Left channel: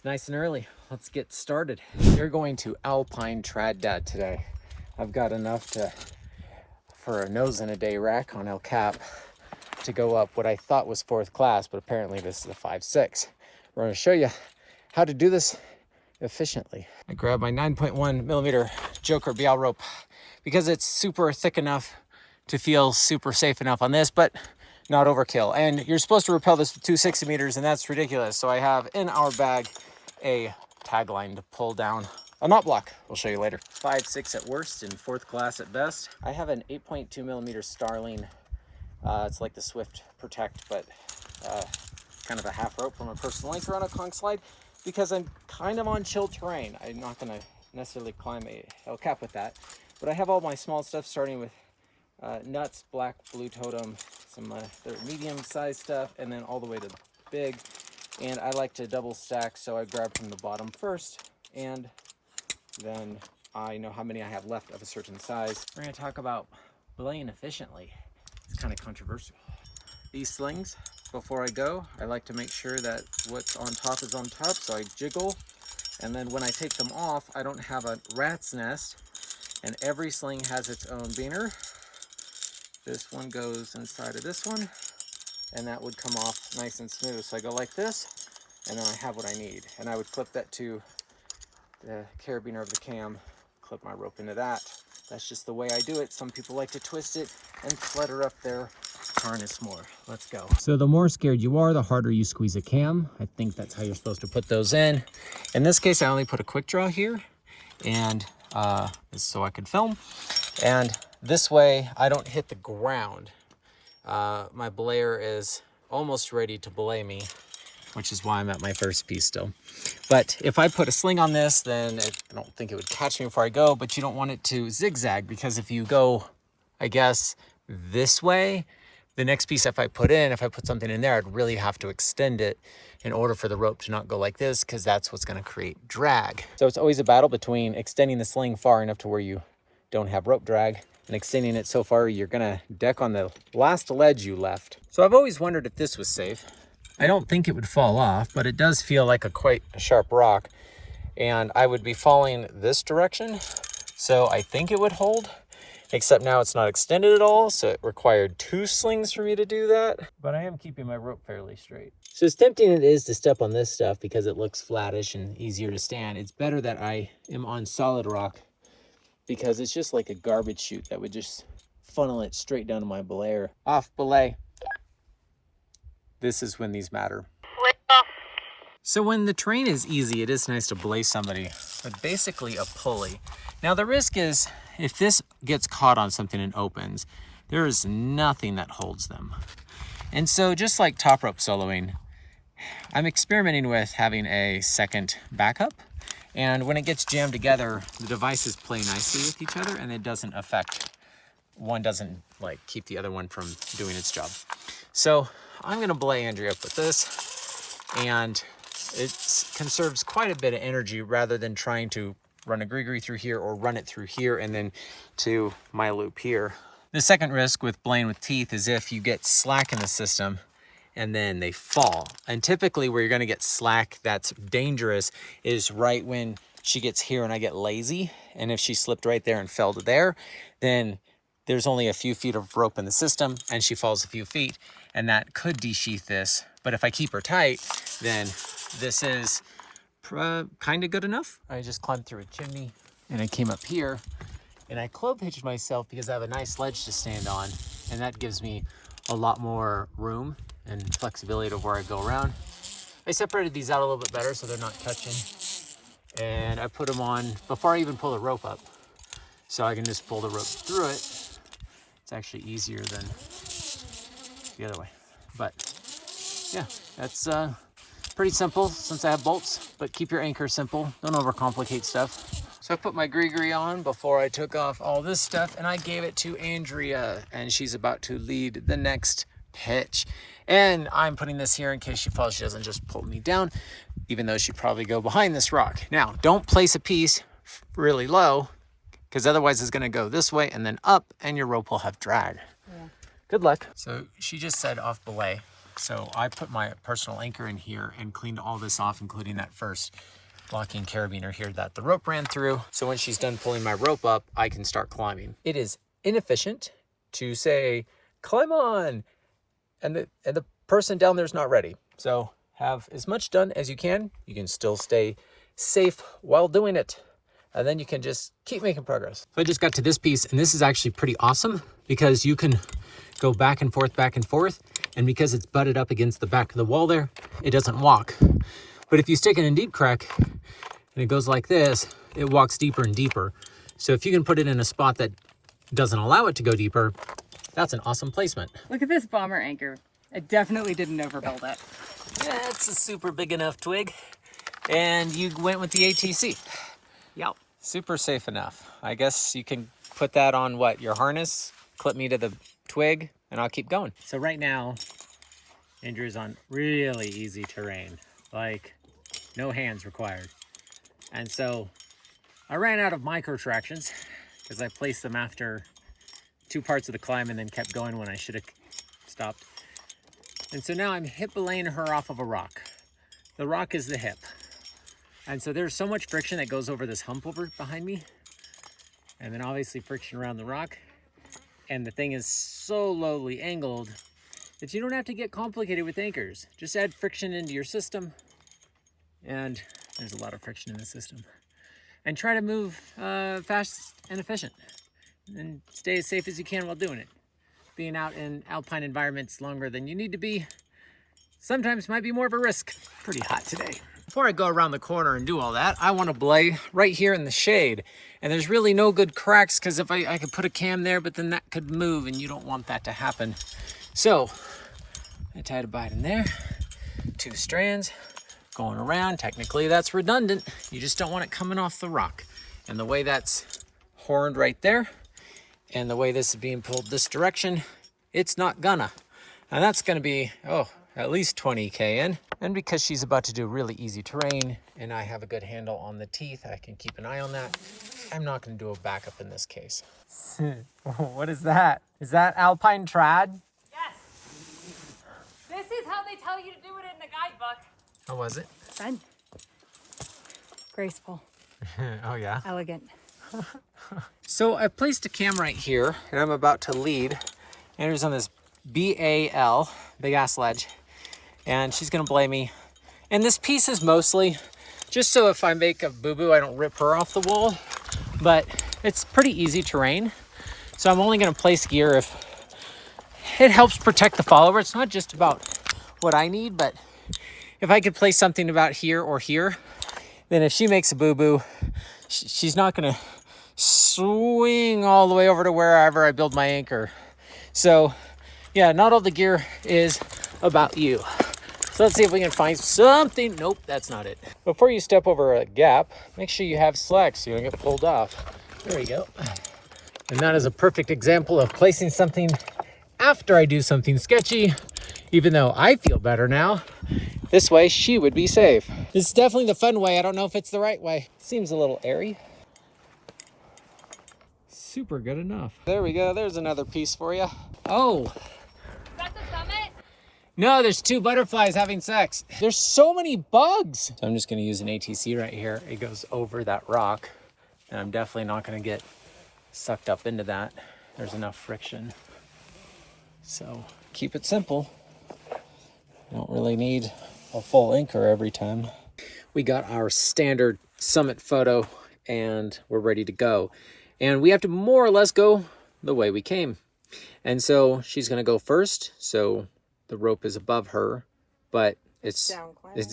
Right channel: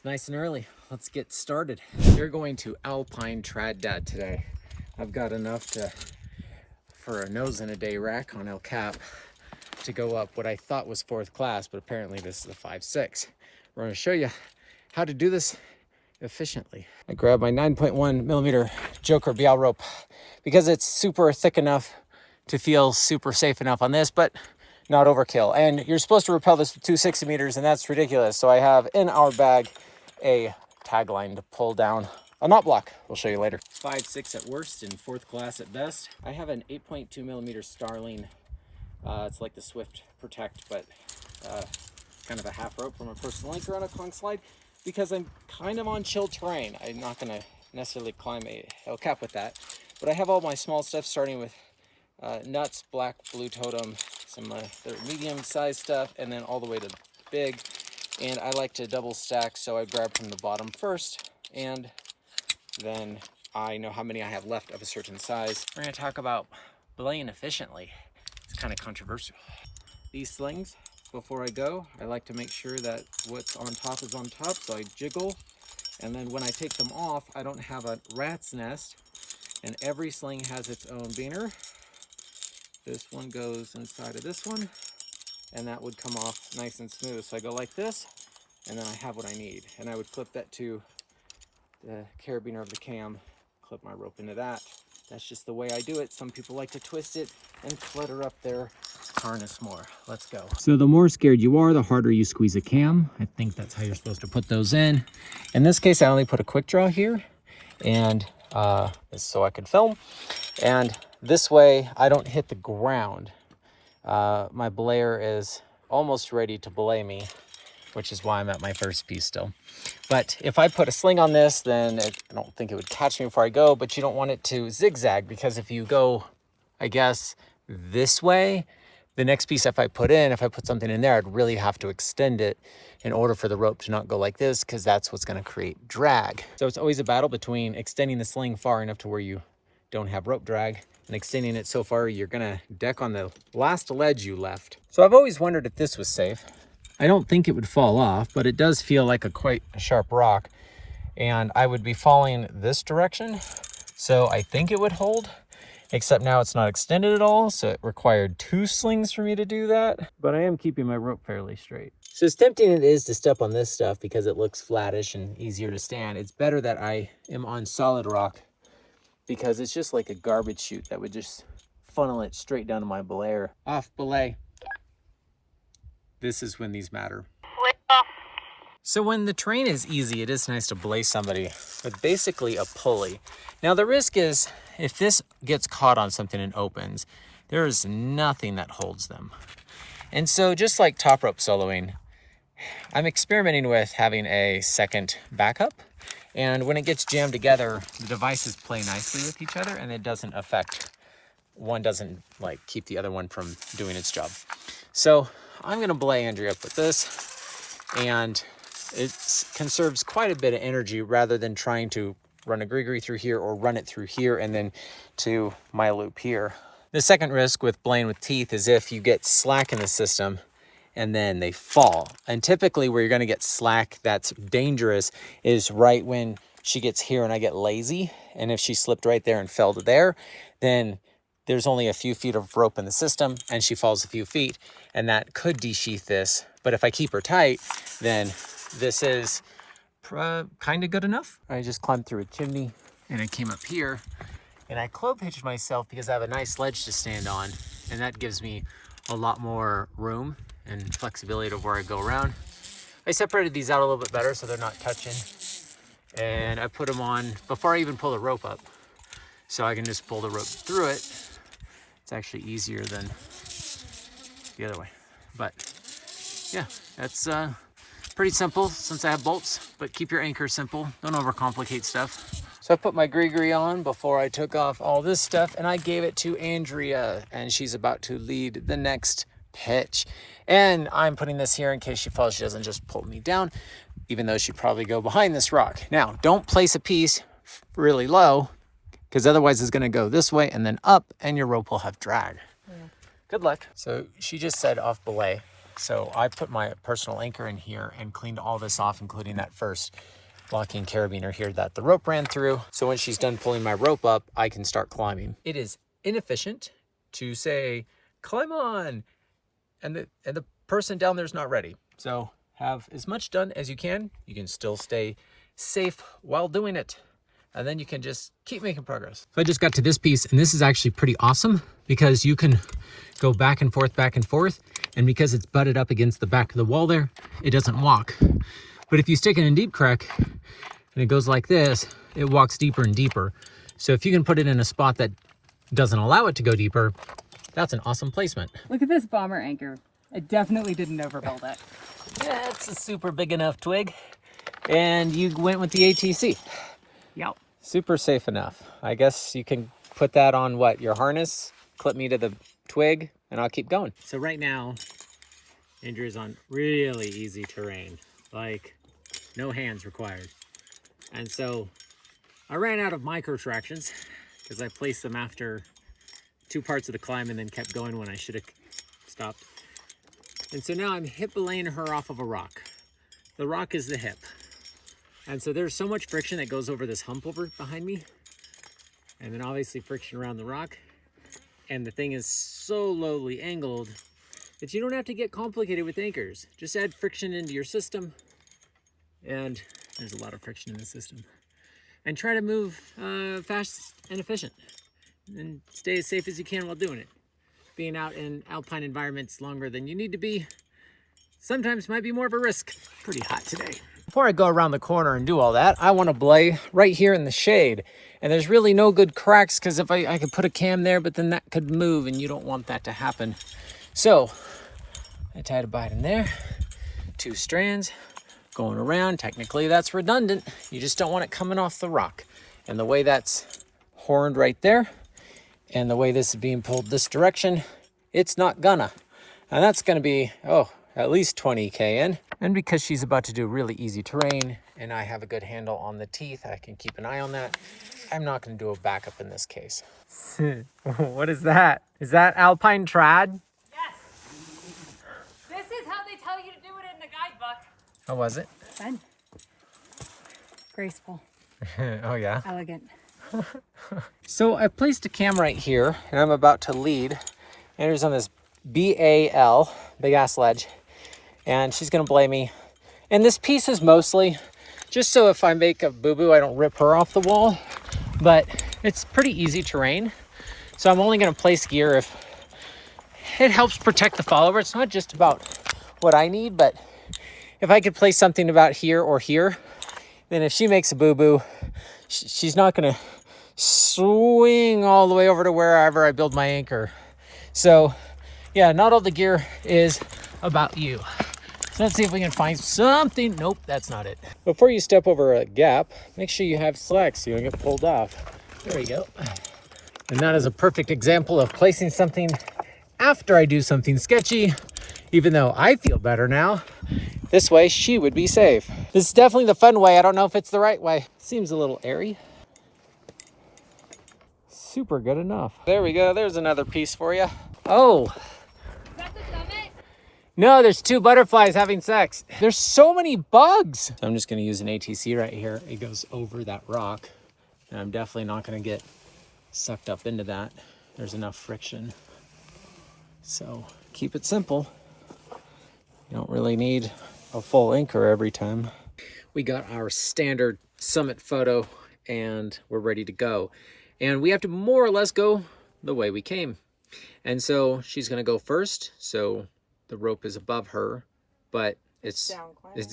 It's nice and early. Let's get started. You're going to alpine trad dad today. I've got enough for a nose in a day rack on El Cap to go up what I thought was 4th class, but apparently this is a 5.6. We're going to show you how to do this efficiently. I grabbed my 9.1 millimeter Joker BL rope because it's super thick enough to feel super safe enough on this, but not overkill. And you're supposed to rappel this with 260 meters, and that's ridiculous. So I have in our bag a tagline to pull down a knot block. We'll show you later. 5.6 at worst and 4th class at best. I have an 8.2 millimeter Starling. It's like the Swift Protect, but kind of a half rope from a personal anchor on a conch slide because I'm kind of on chill terrain. I'm not gonna necessarily climb a El Cap with that, but I have all my small stuff starting with nuts, black, blue totem, some the medium-sized stuff, and then all the way to big. And I like to double stack, so I grab from the bottom first, and then I know how many I have left of a certain size. We're gonna talk about belaying efficiently. It's kind of controversial. These slings, before I go, I like to make sure that what's on top is on top, so I jiggle, and then when I take them off, I don't have a rat's nest, and every sling has its own beaner. This one goes inside of this one, and that would come off nice and smooth. So I go like this, and then I have what I need. And I would clip that to the carabiner of the cam, clip my rope into that. That's just the way I do it. Some people like to twist it and clutter up their harness more. Let's go. So the more scared you are, the harder you squeeze a cam. I think that's how you're supposed to put those in. In this case, I only put a quick draw here, and so I could film. And this way, I don't hit the ground. My belayer is almost ready to belay me, which is why I'm at my first piece still. But if I put a sling on this, then I don't think it would catch me before I go, but you don't want it to zigzag, because if you go, I guess, this way, the next piece if I put something in there, I'd really have to extend it in order for the rope to not go like this, because that's what's going to create drag. So it's always a battle between extending the sling far enough to where you don't have rope drag, and extending it so far you're gonna deck on the last ledge you left. So I've always wondered if this was safe. I don't think it would fall off, but it does feel like quite a sharp rock, and I would be falling this direction, so I think it would hold, except now it's not extended at all, so it required 2 slings for me to do that, but I am keeping my rope fairly straight. So as tempting it is to step on this stuff because it looks flattish and easier to stand, it's better that I am on solid rock, because it's just like a garbage chute that would just funnel it straight down to my belayer. Off belay. This is when these matter. So when the terrain is easy, it is nice to belay somebody with basically a pulley. Now the risk is, if this gets caught on something and opens, there is nothing that holds them. And so just like top rope soloing, I'm experimenting with having a second backup. And when it gets jammed together, the devices play nicely with each other, and it doesn't affect, one doesn't like keep the other one from doing its job. So I'm gonna belay Andrea up with this, and it conserves quite a bit of energy rather than trying to run a gree-gree through here or run it through here and then to my loop here. The second risk with belaying with teeth is if you get slack in the system and then they fall. And typically where you're gonna get slack that's dangerous is right when she gets here and I get lazy. And if she slipped right there and fell to there, then there's only a few feet of rope in the system and she falls a few feet, and that could desheath this. But if I keep her tight, then this is kind of good enough. I just climbed through a chimney and I came up here and I clove hitched myself because I have a nice ledge to stand on, and that gives me a lot more room and flexibility to where I go around. I separated these out a little bit better so they're not touching, and I put them on before I even pull the rope up, so I can just pull the rope through it. It's actually easier than the other way, but yeah, that's pretty simple since I have bolts, but keep your anchor simple. Don't overcomplicate stuff. So I put my gree-gree on before I took off all this stuff, and I gave it to Andrea, and she's about to lead the next pitch. And I'm putting this here in case she falls, she doesn't just pull me down, even though she'd probably go behind this rock. Now, don't place a piece really low, because otherwise it's gonna go this way and then up, and your rope will have drag. Yeah. Good luck. So she just said off belay. So I put my personal anchor in here and cleaned all this off, including that first locking carabiner here that the rope ran through. So when she's done pulling my rope up, I can start climbing. It is inefficient to say, climb on, and the person down there is not ready. So have as much done as you can. You can still stay safe while doing it. And then you can just keep making progress. So I just got to this piece, and this is actually pretty awesome because you can go back and forth, back and forth. And because it's butted up against the back of the wall there, it doesn't walk. But if you stick it in deep crack and it goes like this, it walks deeper and deeper. So if you can put it in a spot that doesn't allow it to go deeper, that's an awesome placement. Look at this bomber anchor. I definitely didn't overbuild it. Yeah, it's a super big enough twig. And you went with the ATC. Yep. Super safe enough. I guess you can put that on what, your harness, clip me to the twig, and I'll keep going. So right now, Andrew's on really easy terrain, like no hands required. And so I ran out of micro tractions because I placed them after 2 parts of the climb and then kept going when I should have stopped. And so now I'm hip belaying her off of a rock. The rock is the hip. And so there's so much friction that goes over this hump over behind me. And then obviously friction around the rock. And the thing is so lowly angled that you don't have to get complicated with anchors. Just add friction into your system. And there's a lot of friction in the system. And try to move fast and efficient. And stay as safe as you can while doing it. Being out in alpine environments longer than you need to be sometimes might be more of a risk. Pretty hot today. Before I go around the corner and do all that, I want to belay right here in the shade. And there's really no good cracks because if I could put a cam there, but then that could move and you don't want that to happen. So I tied a bind in there, 2 strands going around. Technically that's redundant. You just don't want it coming off the rock. And the way that's horned right there and the way this is being pulled this direction, it's not gonna. And that's gonna be, at least 20K in. And because she's about to do really easy terrain and I have a good handle on the teeth, I can keep an eye on that. I'm not gonna do a backup in this case. What is that? Is that alpine trad? Yes. This is how they tell you to do it in the guidebook. How was it? Fun. Graceful. Oh yeah? Elegant. So I placed a cam right here and I'm about to lead. Andrew's on this BAL, big ass ledge. And she's gonna belay me. And this piece is mostly just so if I make a boo-boo, I don't rip her off the wall. But it's pretty easy terrain. So I'm only gonna place gear if it helps protect the follower. It's not just about what I need, but if I could place something about here or here, then if she makes a boo-boo, she's not gonna swing all the way over to wherever I build my anchor. So yeah, not all the gear is about you. So let's see if we can find something. Nope, that's not it. Before you step over a gap, make sure you have slacks so you don't get pulled off. There we go. And that is a perfect example of placing something after I do something sketchy, even though I feel better now. This way, she would be safe. This is definitely the fun way. I don't know if it's the right way. Seems a little airy. Super good enough. There we go. There's another piece for you. Oh. Is that the summit? No, there's 2 butterflies having sex. There's so many bugs. So I'm just gonna use an ATC right here. It goes over that rock. And I'm definitely not gonna get sucked up into that. There's enough friction. So keep it simple. You don't really need a full anchor every time. We got our standard summit photo and we're ready to go. And we have to more or less go the way we came. And so she's gonna go first. So the rope is above her, but it's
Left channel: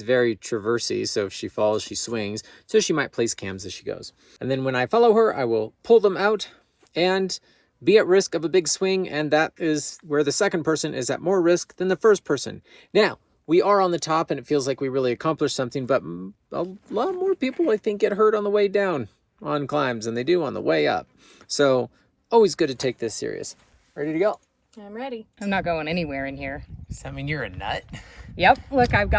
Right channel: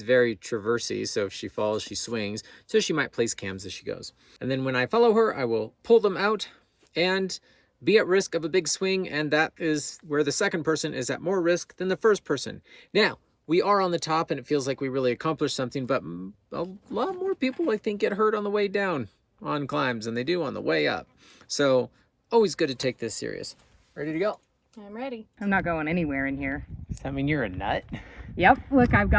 very traversy. So if she falls, she swings. So she might place cams as she goes. And then when I follow her, I will pull them out and be at risk of a big swing. And that is where the second person is at more risk than the first person. Now, we are on the top and it feels like we really accomplished something, but a lot more people, I think, get hurt on the way down on climbs than they do on the way up. So always good to take this serious. Ready to go? I'm ready. I'm not going anywhere in here. Does that mean you're a nut? Yep. Look, I'm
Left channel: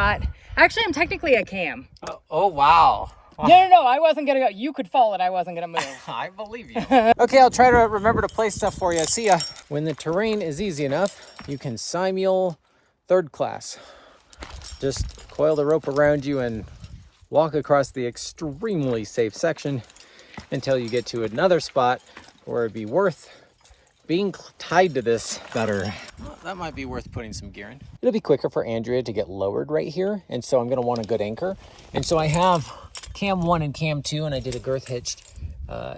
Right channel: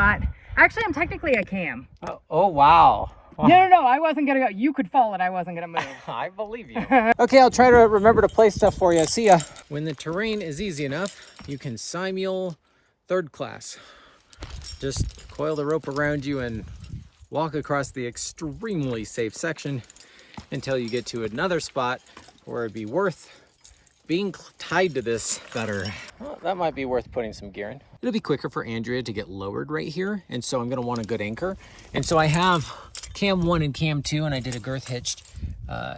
technically a cam. Oh wow. No, I wasn't gonna go. You could fall and I wasn't gonna move. I believe you. Okay, I'll try to remember to play stuff for you. See ya. When the terrain is easy enough, you can simul third class. Just coil the rope around you and walk across the extremely safe section until you get to another spot where it'd be worth being tied to this better. Well, that might be worth putting some gear in. It'll be quicker for Andrea to get lowered right here, and so I'm gonna want a good anchor. And so I have cam 1 and cam 2, and I did a girth hitched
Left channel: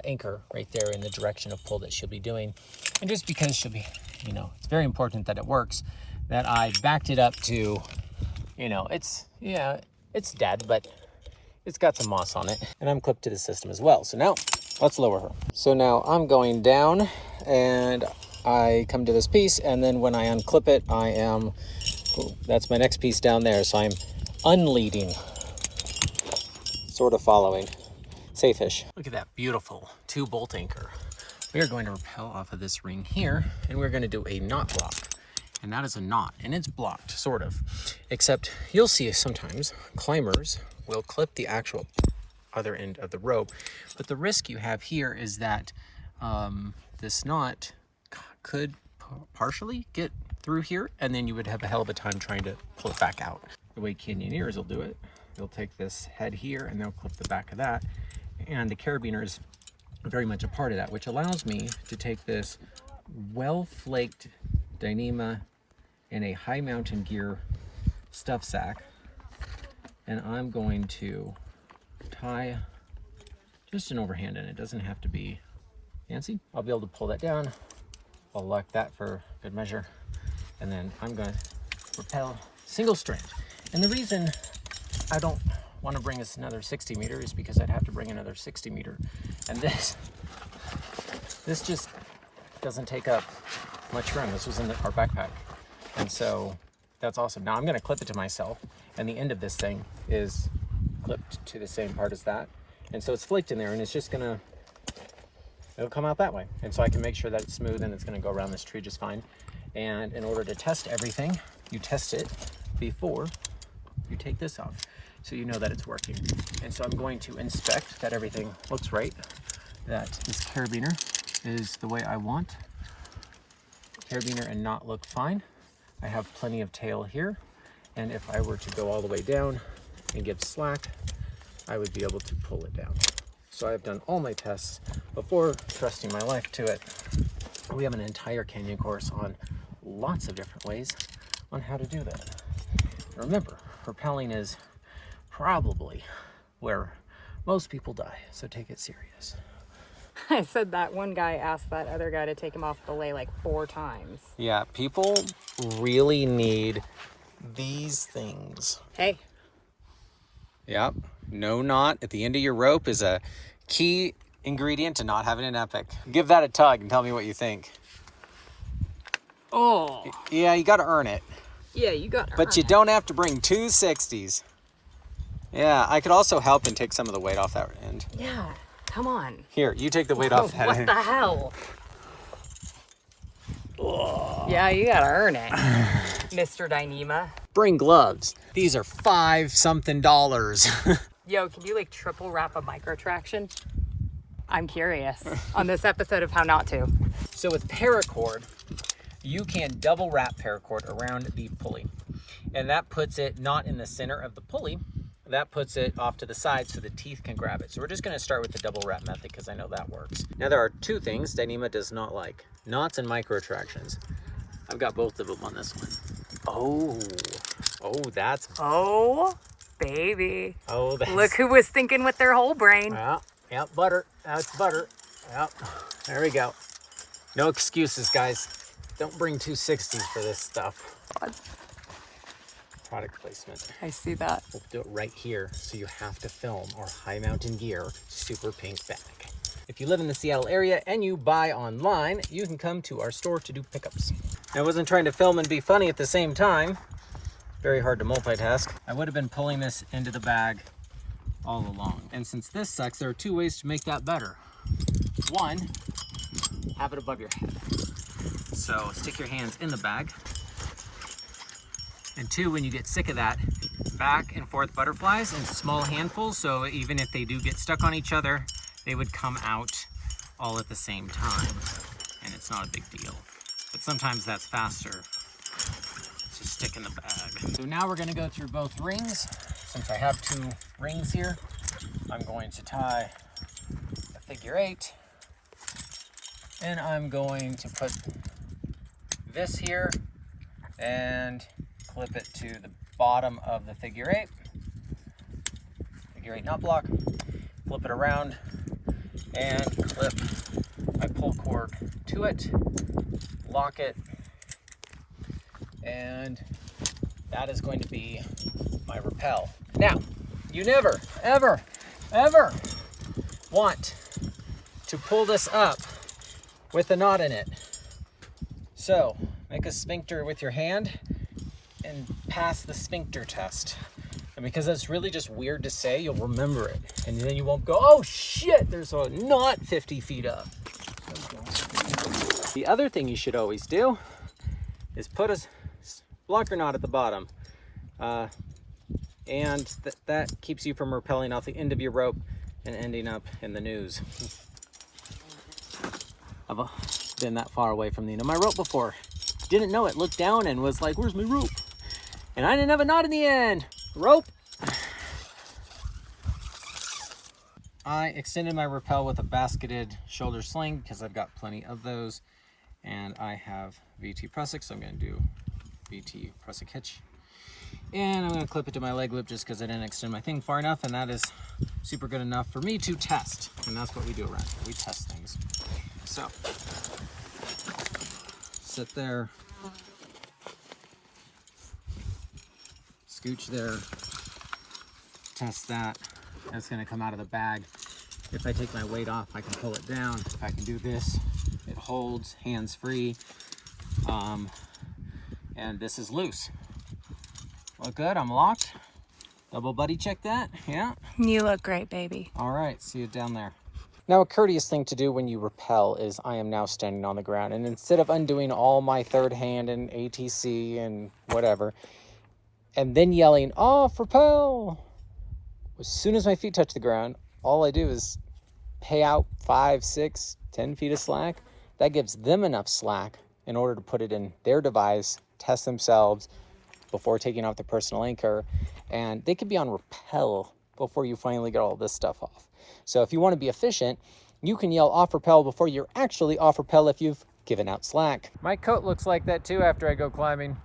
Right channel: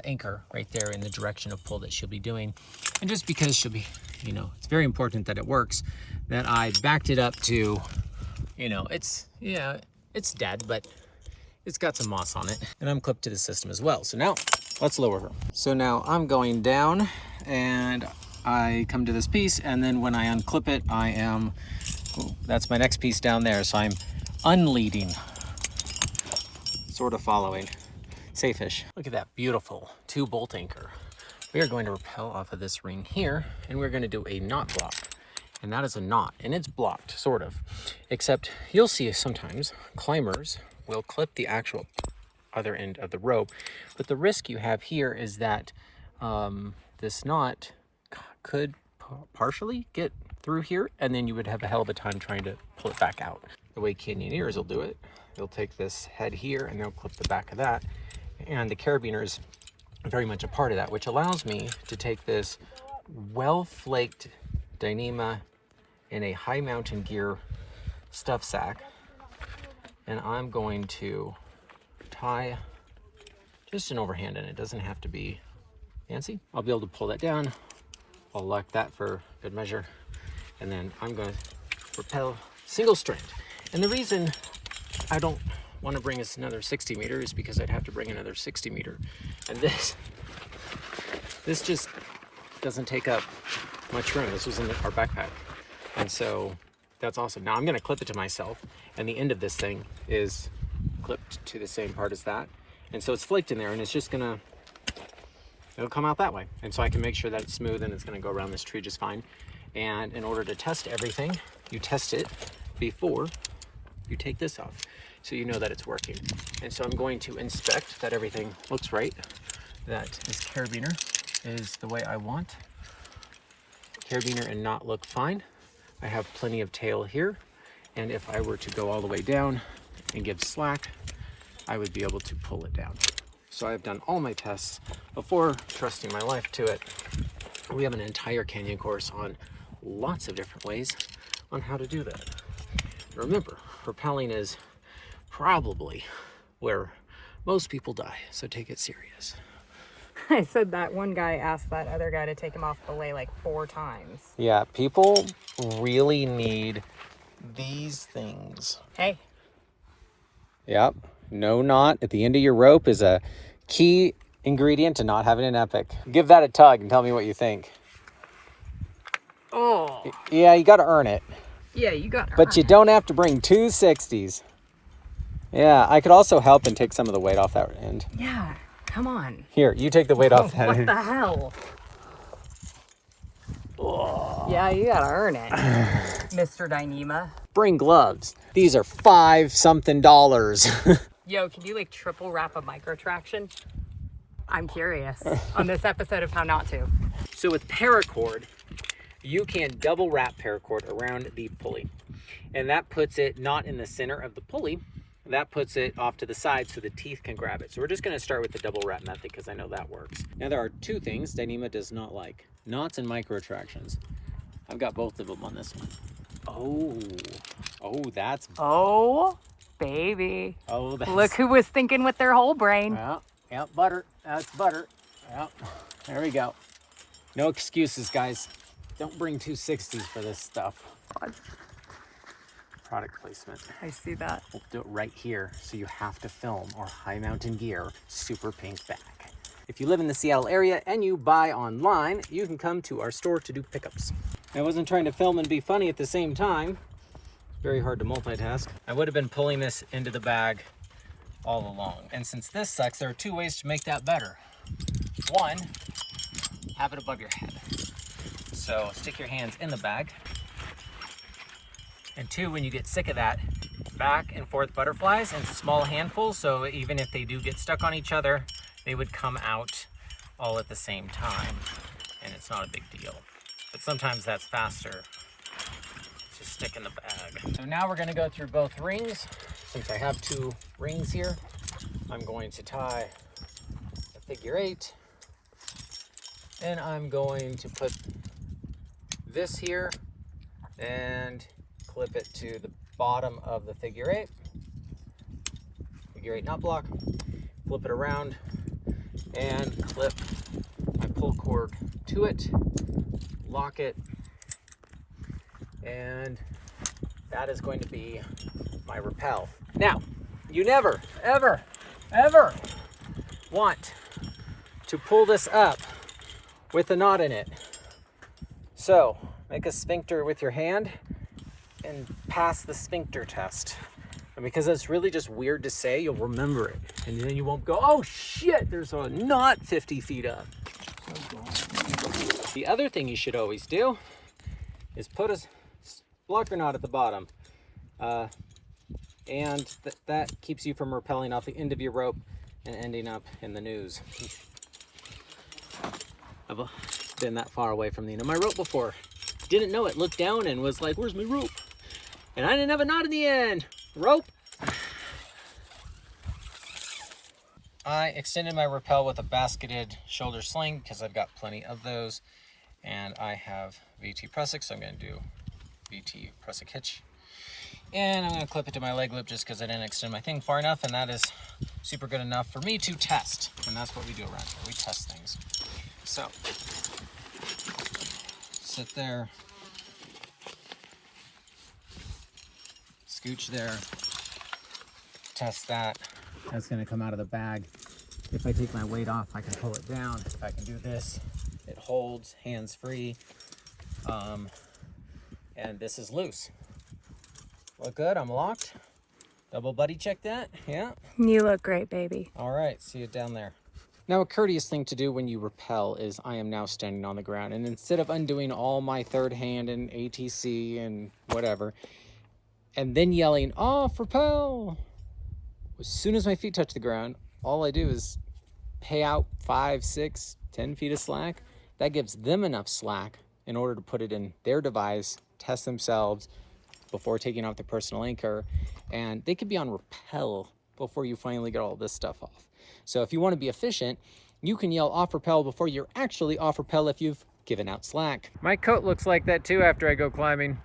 anchor right there in the direction of pull that she'll be doing. And just because she'll be, you know, it's very important that it works, that I backed it up to, you know, it's dead, but it's got some moss on it, and I'm clipped to the system as well. So now let's lower her. So now I'm going down and I come to this piece, and then when I unclip it, I am, that's my next piece down there. So I'm unleading, sort of following. Safe-ish. Look at that beautiful 2-bolt anchor. We are going to rappel off of this ring here, and we're going to do a knot block. And that is a knot, and it's blocked, sort of. Except you'll see sometimes climbers will clip the actual other end of the rope. But the risk you have here is that this knot could partially get through here, and then you would have a hell of a time trying to pull it back out. The way canyoneers will do it, they'll take this head here and they'll clip the back of that. And the carabiners are very much a part of that, which allows me to take this well-flaked Dyneema in a high mountain gear stuff sack, and I'm going to tie just an overhand in it. It doesn't have to be fancy. I'll be able to pull that down. I'll lock that for good measure, and then I'm going to rappel single strand. And the reason I don't want to bring us another 60 meters is because I'd have to bring another 60 meter, and this just doesn't take up much room. This was in our backpack, and so that's awesome. Now I'm going to clip it to myself, and the end of this thing is clipped to the same part as that, and so it's flaked in there, and it's just gonna, it'll come out that way, and so I can make sure that it's smooth and it's going to go around this tree just fine. And in order to test everything, you test it before you take this off, so you know that it's working. And so I'm going to inspect that everything looks right, that this carabiner is the way I want. Carabiner and knot look fine. I have plenty of tail here, and if I were to go all the way down and give slack, I would be able to pull it down. So I've done all my tests before trusting my life to it. We have an entire canyon course on lots of different ways on how to do that. Remember, rappelling is probably where most people die, so take it serious. I said that one guy asked that other guy to take him off the belay like 4 times. Yeah, people really need these things. Hey. Yep, no knot at the end of your rope is a key ingredient to not having an epic. Give that a tug and tell me what you think. Oh. Yeah, you got to earn it. Yeah, you got. But you don't have to bring 2 60s. Yeah, I could also help and take some of the weight off that end. Yeah, come on. Here, you take the weight off that What end. the hell? Yeah, you gotta earn it, Mr. Dyneema. Bring gloves. These are $5-something. Yo, can you like triple wrap a micro traction? I'm curious on this episode of How Not To. So with paracord, you can double wrap paracord around the pulley. And that puts it not in the center of the pulley, that puts it off to the side so the teeth can grab it. So we're just gonna start with the double wrap method because I know that works. Now there are 2 things Dyneema does not like: knots and micro tractions. I've got both of them on this one. Oh, that's... Oh, baby. Oh, that's... Look who was thinking with their whole brain. Yeah, butter. That's butter. Yep, there we go. No excuses, guys. Don't bring 2 60s for this stuff. God. Product placement. I see that. We'll do it right here, so you have to film our high mountain gear super pink bag. If you live in the Seattle area and you buy online, you can come to our store to do pickups. I wasn't trying to film and be funny at the same time. Very hard to multitask. I would have been pulling this into the bag all along. And since this sucks, there are 2 ways to make that better. 1, have it above your head. So stick your hands in the bag. And 2, when you get sick of that, back and forth butterflies in small handfuls, so even if they do get stuck on each other, they would come out all at the same time, and it's not a big deal. But sometimes that's faster to stick in the bag. So now we're gonna go through both rings. Since I have 2 rings here, I'm going to tie a figure 8, and I'm going to put this here and clip it to the bottom of the figure 8 knot block, flip it around and clip my pull cord to it, lock it, and that is going to be my rappel. Now, you never, ever, ever want to pull this up with a knot in it. So make a sphincter with your hand and pass the sphincter test. And because it's really just weird to say, you'll remember it. And then you won't go, oh shit, there's a knot 50 feet up. The other thing you should always do is put a blocker knot at the bottom. And that keeps you from rappelling off the end of your rope and ending up in the noose. I've been that far away from the end of my rope before. Didn't know it, looked down and was like, where's my rope? And I didn't have a knot in the end. Rope. I extended my rappel with a basketed shoulder sling because I've got plenty of those. And I have VT pressic, so I'm going to do VT pressic hitch. And I'm going to clip it to my leg loop just because I didn't extend my thing far enough, and that is super good enough for me to test. And that's what we do around here. We test things. So, sit there, scooch there, test that. That's going to come out of the bag. If I take my weight off, I can pull it down. If I can do this, it holds, hands free. And this is loose. Look good, I'm locked. Double buddy check that, yeah. You look great, baby. All right, see you down there. Now, a courteous thing to do when you rappel is I am now standing on the ground, and instead of undoing all my third hand and ATC and whatever, and then yelling, off, rappel, as soon as my feet touch the ground, all I do is pay out 5, 6, 10 feet of slack. That gives them enough slack in order to put it in their device, test themselves before taking off their personal anchor, and they could be on rappel before you finally get all this stuff off. So if you want to be efficient, you can yell off rappel before you're actually off rappel if you've given out slack. My coat looks like that too after I go climbing.